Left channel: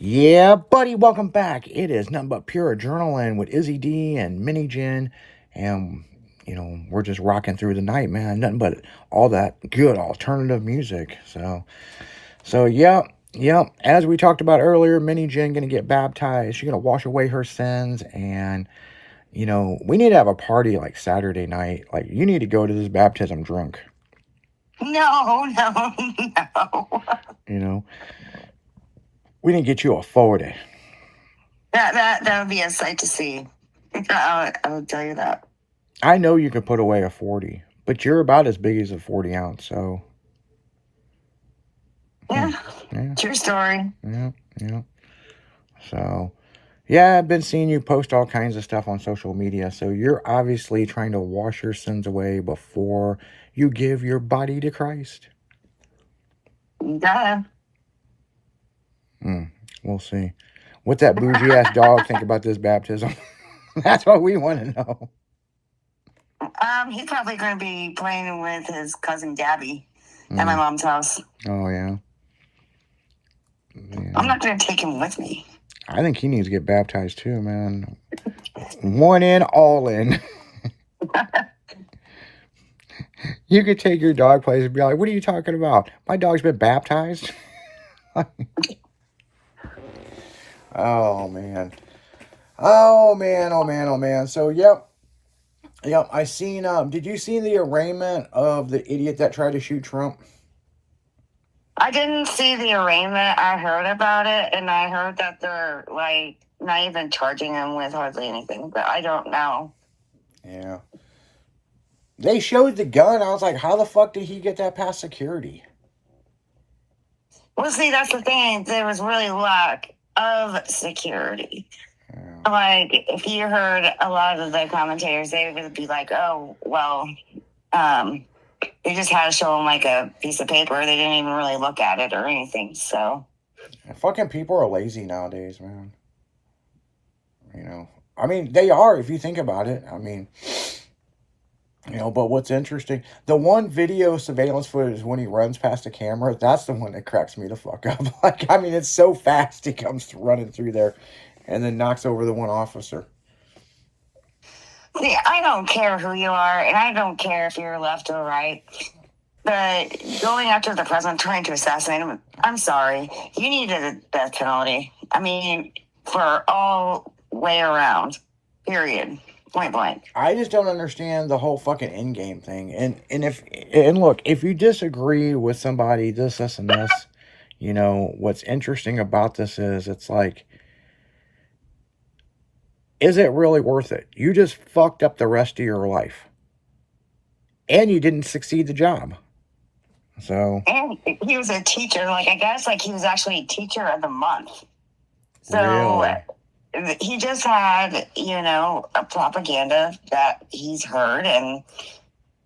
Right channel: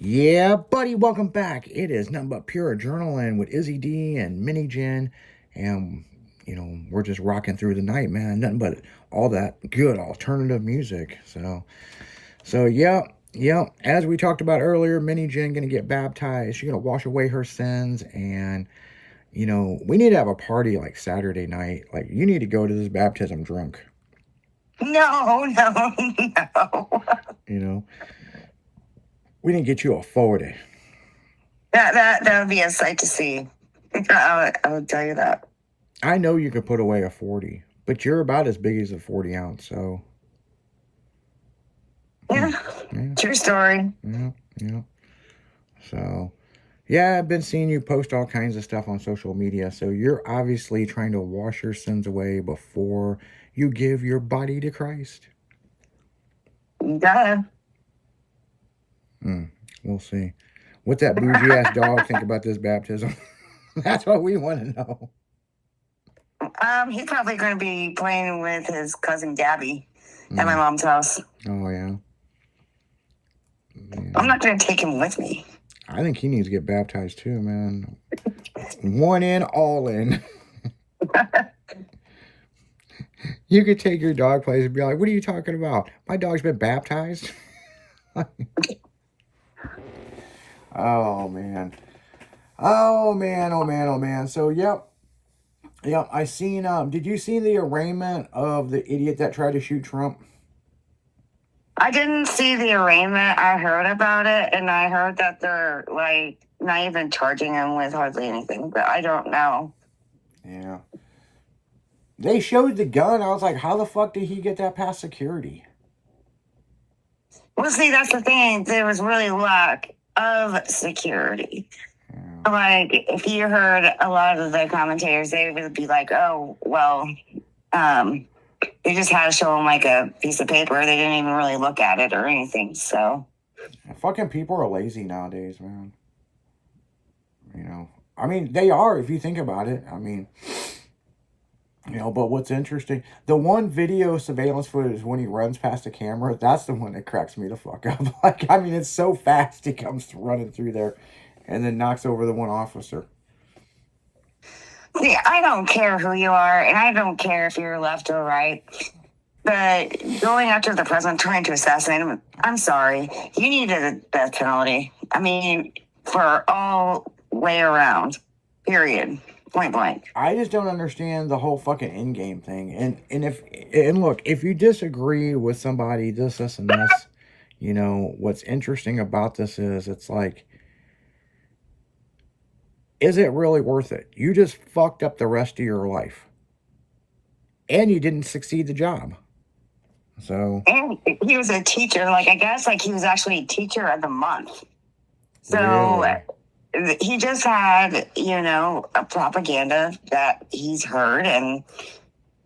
Yeah, buddy, welcome back. It is nothing but pure adrenaline with Izzy D and Mini Jen. And, we're just rocking through the night, man. Nothing but all that good alternative music. So yeah. As we talked about earlier, Mini Jen going to get baptized. She's going to wash away her sins. And, we need to have a party like Saturday night. Like, you need to go to this baptism drunk. No. You know, we didn't get you a 40. That would be a sight to see. I would tell you that. I know you could put away a 40, but you're about as big as a 40 ounce, so. Yeah. True story. Yeah. So, yeah, I've been seeing you post all kinds of stuff on social media. So you're obviously trying to wash your sins away before you give your body to Christ. Yeah. We'll see. What's that bougie ass dog think about this baptism? That's what we want to know. He's probably going to be playing with his cousin Gabby at my mom's house. Oh, yeah. I'm not going to take him with me. I think he needs to get baptized too, man. One in, all in. You could take your dog place and be like, what are you talking about? My dog's been baptized. Oh, man. So, yep, I seen, did you see the arraignment of the idiot that tried to shoot Trump? I didn't see the arraignment. I heard about it, and I heard that they're, like, not even charging him with hardly anything, but I don't know. Yeah. They showed the gun. I was like, how the fuck did he get that past security? Well, see, that's the thing. There was really lack of security. Yeah. Like, if you heard a lot of the commentators, they would be like, oh, well, they just had to show them like a piece of paper. They didn't even really look at it or anything. So, fucking people are lazy nowadays, man. I mean, they are if you think about it. I mean, but what's interesting, the one video surveillance footage when he runs past the camera, that's the one that cracks me the fuck up. Like, I mean, it's so fast he comes running through there and then knocks over the one officer. See, I don't care who you are, and I don't care if you're left or right. But going after the president, trying to assassinate him, I'm sorry. You needed a death penalty. I mean, for all way around, period. Point blank. I just don't understand the whole fucking end game thing. And look, if you disagree with somebody, this, and this, what's interesting about this is it's like, is it really worth it? You just fucked up the rest of your life. And you didn't succeed the job. So. And he was a teacher. Like, I guess, like, he was actually teacher of the month. So he just had, a propaganda that he's heard, and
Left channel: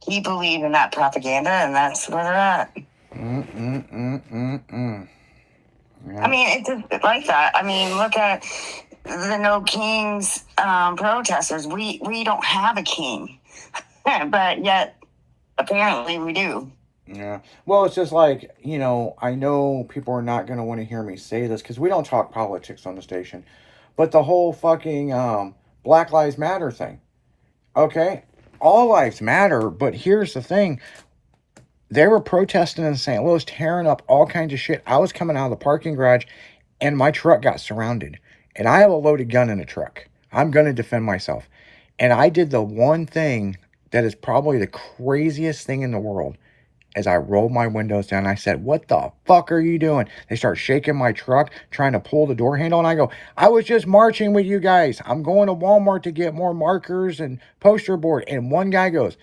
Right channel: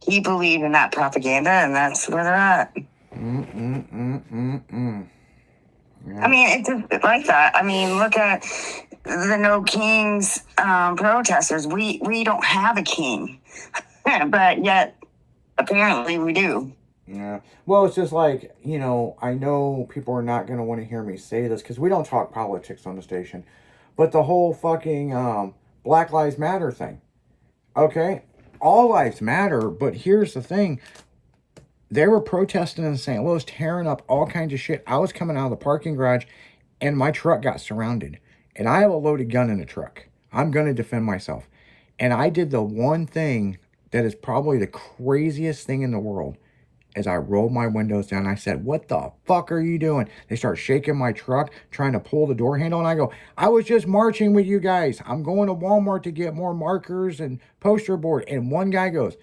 he believed in that propaganda, and that's where they're at. Yeah. I mean, it's just like that. I mean, look at the No Kings protesters. We don't have a king, but yet apparently we do. Yeah. Well, it's just like, I know people are not going to want to hear me say this because we don't talk politics on the station, but the whole fucking Black Lives Matter thing. Okay? All lives matter, but here's the thing. They were protesting in St. Louis, tearing up all kinds of shit. I was coming out of the parking garage, and my truck got surrounded. And I have a loaded gun in the truck. I'm going to defend myself. And I did the one thing that is probably the craziest thing in the world. As I rolled my windows down, I said, what the fuck are you doing? They start shaking my truck, trying to pull the door handle. And I go, I was just marching with you guys. I'm going to Walmart to get more markers and poster board. And one guy goes,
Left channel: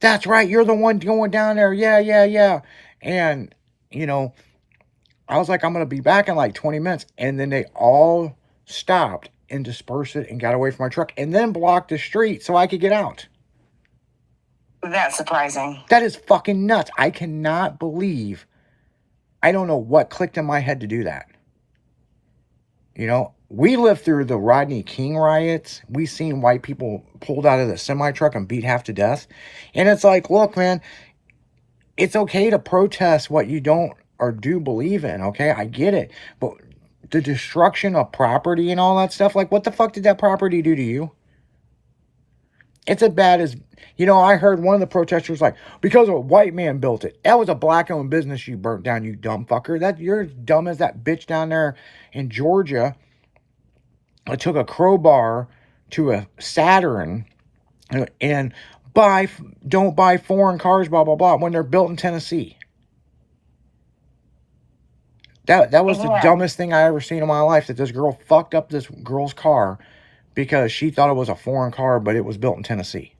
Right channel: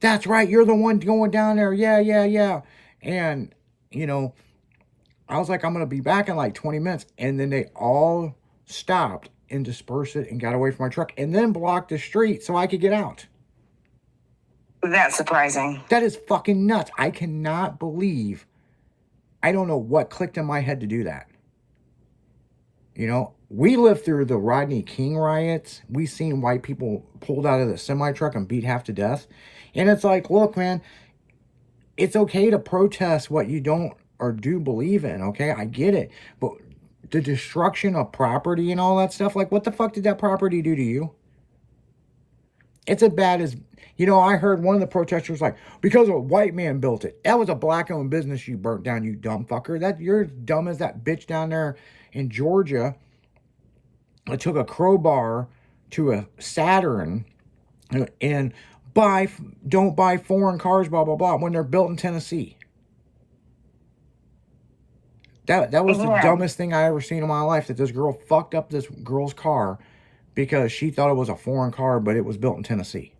that's right, you're the one going down there. Yeah. And, I was like, I'm going to be back in like 20 minutes. And then they all stopped and dispersed it and got away from my truck and then blocked the street so I could get out. That's surprising. That is fucking nuts. I cannot believe. I don't know what clicked in my head to do that. We lived through the Rodney King riots. We seen white people pulled out of the semi-truck and beat half to death. And it's like, look, man, it's okay to protest what you don't or do believe in, okay? I get it. But the destruction of property and all that stuff. Like, what the fuck did that property do to you? It's as bad as, you know, I heard one of the protesters like, because a white man built it. That was a black-owned business you burnt down, you dumb fucker. That you're as dumb as that bitch down there in Georgia. I took a crowbar to a Saturn and don't buy foreign cars, blah, blah, blah, when they're built in Tennessee. That was the dumbest thing I ever seen in my life, that this girl fucked up this girl's car because she thought it was a foreign car, but it was built in Tennessee.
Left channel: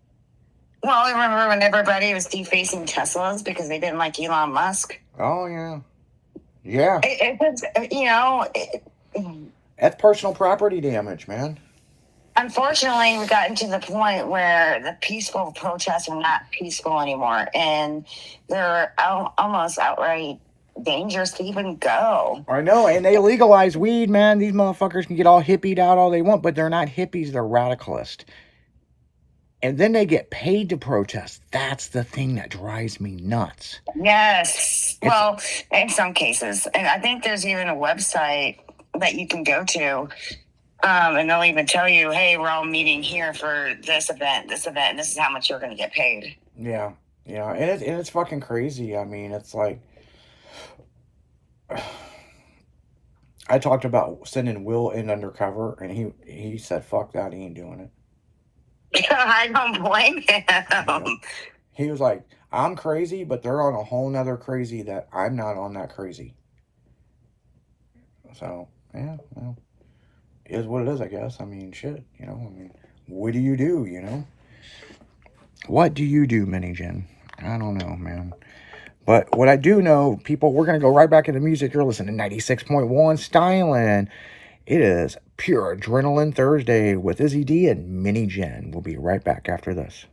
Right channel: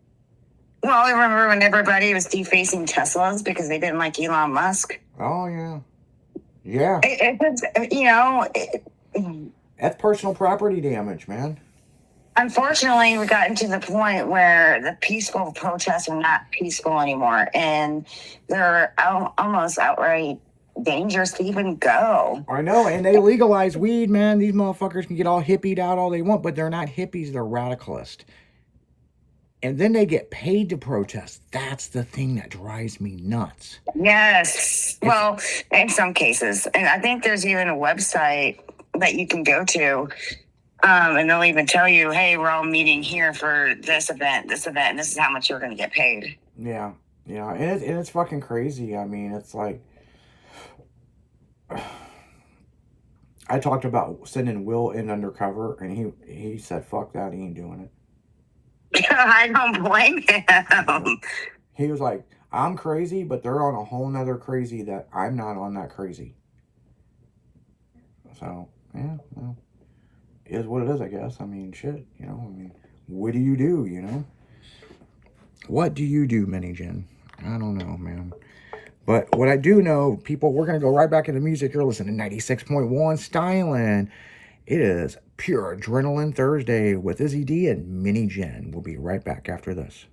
Well, I remember when everybody was defacing Teslas because they didn't like Elon Musk. Oh, yeah. Yeah. That's personal property damage, man. Unfortunately, we gotten to the point where the peaceful protests are not peaceful anymore, and they're almost outright dangerous to even go. I know, and they legalize weed, man. These motherfuckers can get all hippied out all they want, but they're not hippies, they're radicalists. And then they get paid to protest. That's the thing that drives me nuts. Yes. Well, in some cases. And I think there's even a website that you can go to, and they'll even tell you, hey, we're all meeting here for this event, and this is how much you're going to get paid. Yeah. Yeah. And it's fucking crazy. I mean, it's like, I talked about sending Will in undercover, and he said, fuck that, he ain't doing it. I don't blame him. He was like, I'm crazy, but they're on a whole nother crazy that I'm not on that crazy. So, yeah, well, is what it is, I guess. I mean, shit, you know, what do, you know? What do you do, Mini Jen? I don't know, man. But what I do know, people, we're going to go right back into music. You're listening to 96.1 Styling. It is Pure Adrenaline Thursday with Izzy D and Mini Jen. We'll be right back after this.